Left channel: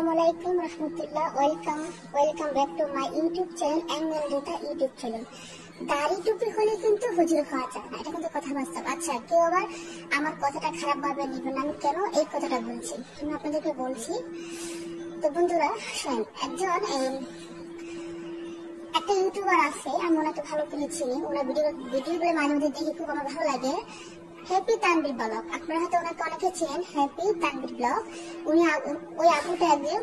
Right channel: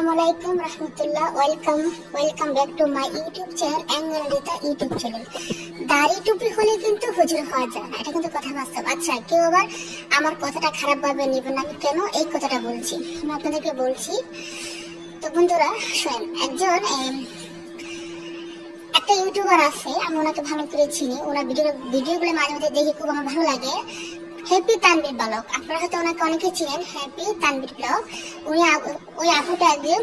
Assalamualaikum rahmatullah. Welcome back to my YouTube channel Angelita YouTube channel. দাড়ি টুপি হলে কিন্তু হুজুর হওয়া যায় না, এটা কিন্তু কথা বাস্তব। আচ্ছা, কেউ আবার আমার কথাটা খারাপ ভাবে নেবেন না। আমি কেন এই কথাটা বলছি আমি আপনাদেরকে বলছি। তো বন্ধুরা শুনেন, একটা ইউটিউবার আছে, আমি ওনাকে ভালো করে চিনি। ওনার ভিডিওগুলো মাঝে মাঝে দেখি, খুব আমার ভালো লাগে। হ্যাপি তানভীর ব্লগ, আপনারা হয়তো ওনাকে অনেকে চিনেন। হ্যাপি তানভীর ব্লগ, উনি ওই আপুটা আগে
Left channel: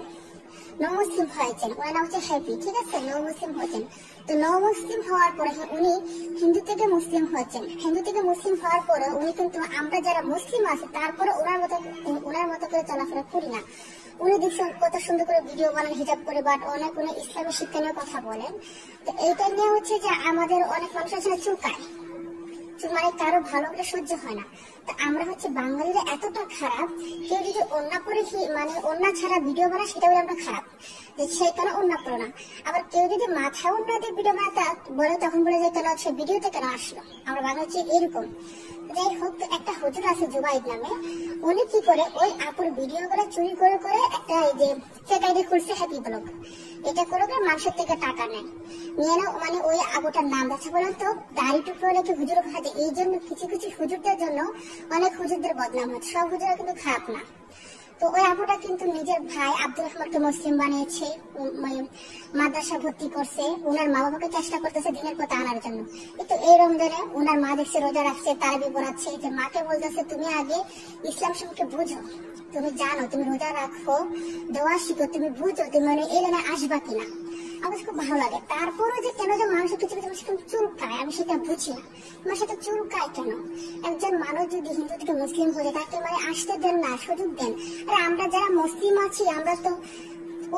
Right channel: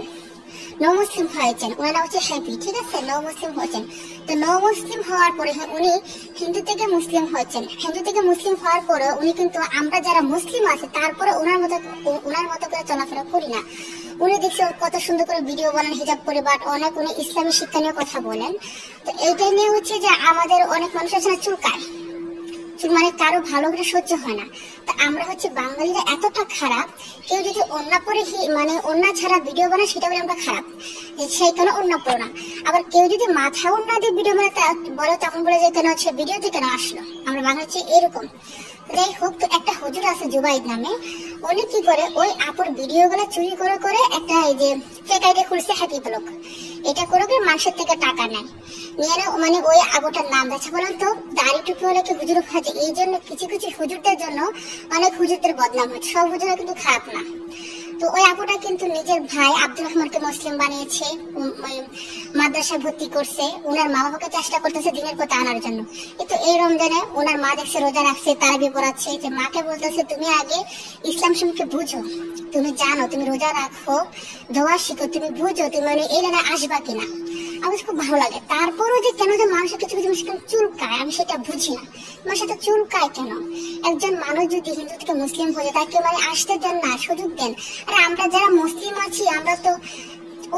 নও মুসলিম হয়েছেন। ওনার নাম হচ্ছে হ্যাপি, ঠিক আছে? নও মুসলিম হয়েছেন। তো নও মুসলিম হওয়ার পরে উনি হিন্দু থেকে মুসলিম হয়েছেন। হিন্দু থেকে মুসলিম হওয়ার পরে উনি কিন্তু আমরা যারা মুসলিম আছে তারপরে ওনার মতো করে চলাফেরা করি না। উনি দেখছি কত সুন্দর করে ভিডিও বানান হিজাব করে, বাট উনি ইসলামী শিক্ষা নিয়ে কথা বলেন। তো এইটা নিয়ে হচ্ছে যে আমাদের অনেক মানুষ আছে না, চুলকায়, মানে কারো ভালো করে সহ্য হয় না। তা আমরা হচ্ছে বাঙালিরা এতটা খারাপ, কেউ যদি ওন্না পরে মানে ওন্না ছাড়া ভিডিও বানায় সেটা বলে আমরা খারাপ, সেই কেন ওন্না পড়ো না। আবার কেউ যদি মাথায় ওন্না দিয়ে ভিডিও বানাতে বলে তখন বলে যে কেন হচ্ছে ভিডিওতে কেন আসলো। আমরা বাংলা হচ্ছে এরকম। যাই হোক, তো একটা হুজুর আছে জুবাইদ নামে, উনি কি করে ওই আপুর ভিডিও গুলো চুরি করে করে একটা এই যে ফেক আইডি খুলছে হ্যাপি ব্লগ। এটা করে করে মানুষের থেকে টাকা নেয়, নিয়ে না মানে ওই আবুটার নাম আছে। বলেন তো দাড়ি টুপি হলে কি হুজুর হয়েছে? এই জন্য কিছু কিছু হুজুরদের জন্য অনেক হুজুরদের বদনাম হচ্ছে। সব হুজুরা কিন্তু খারাপ না। তো ওই আপুটা কিন্তু নিজের ভাই আব্দুর রহমানকে মুসলিম বানিয়েছে, মাদ্রাসা ভর্তি করছে, ওনার মা বাবাকে চেষ্টা করতেছে দিনের পথে আনার জন্য। কিন্তু এই রমজানে ওনার মা দেখছে রোজা রাখছে, তারাবি পড়াচ্ছে, যে মাকে বলতেছে তুমি আগে ইসলাম সম্পর্কে বুঝো, তুমি জানো, তুমি রোজা রাখো, দোয়া শিখো, তুমি বুঝো তুমি মানে এই রানে আসবা কিনা। আমার খুব ভালো লাগে। তারপরও যে কেন যে মানুষের কিছু কিছু মানুষ চুলকায়, আমি সেটা বুঝি না। আমার সাথে চুলকায় কেন? একজন মানুষ যদি হিন্দু থেকে মুসলিম হয়ে তাকে মানে আসতে দেন না, সুযোগ দেন। আর আমরা যারা মুসলিম আছি আমরা তো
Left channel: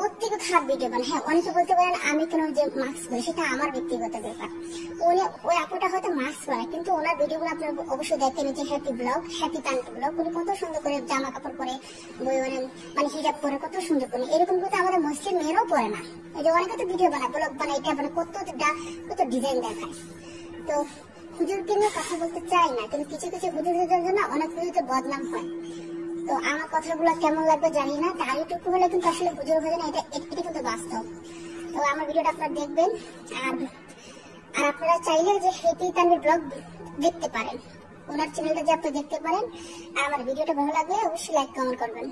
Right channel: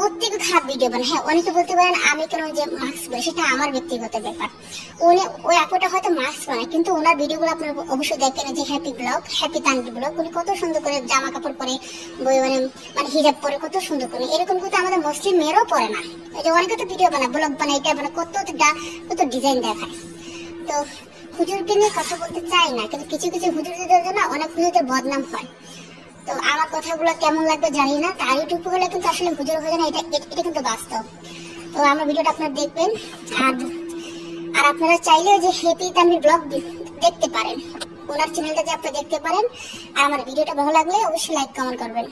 ওর থেকে খারাপ ভিডিও বানাই। হ্যাঁ, অনেকে বলতে পারেন আমি কেন যে মাস্ক পরি, সেটা আমার ব্যক্তিগত ব্যাপার। ওই আপুটা হয়তো মাস্ক বানায়, কিন্তু ওনার ভিডিওগুলো আপনারা অবশ্যই দেখেন, যে happy blog, happy Tanvir blog, উনি কত সুন্দর করে জামা কাপড় পরে, মানে হিজাব পরে কত সুন্দর করে। এরকম কিন্তু আমাদের মুসলিম মেয়েরাও পরে না। এই যে অনেকে তো ভিডিও বানায়, ব্লগ বানায়, এটা বানায়, কত ডিজাইন দেখায়। তো হুজুরকে নিয়ে কথা বলতে চাই না, কিন্তু কিছু কিছু হুজুরদের জন্য অনেক হুজুরদের বদনাম হয়। তো আমার কথাগুলো কেমন লাগবে জানি না। দাড়ি টুপি হলে কিন্তু আসলে হুজুর হয় না, এটা কিন্তু বাস্তব। তো আমার ভিডিওটা আপনারা দেখবেন। আর আপনারা চাইলে যে হ্যাপি তানভীর ব্লগ দেখতে পারেন, ওনার চ্যানেলটা যে আপনারা দেখতে পারেন। আর আমার ভিডিওটা ভালো লাগলে অবশ্যই লাইক কমেন্ট করবেন।